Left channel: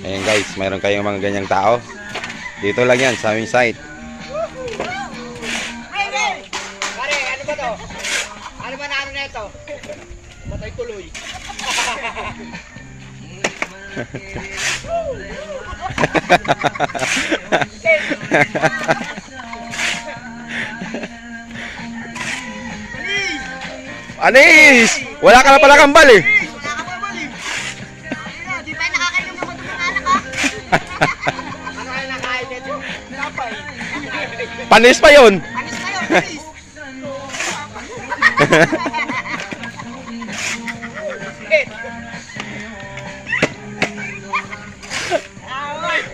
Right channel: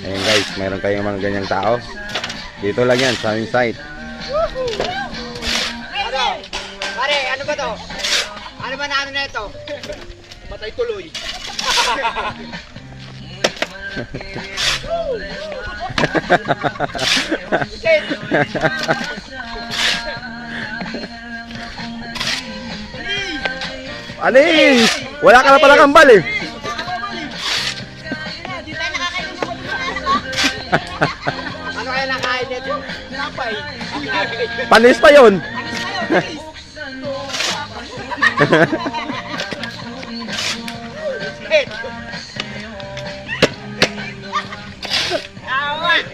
Ayan guys, mayroon kayong mga ganyang tao. Dito lang yan sa aming site. Pare, ano ba to? Ano ba na ano na ito? Matay tuloy. Anis! Wala ka na pala kambal eh. Di tayo nakakainom ng matulungan ka? Ano kaya nakain nito? Napay. Panis pa yun. Anis kayo, please. Away!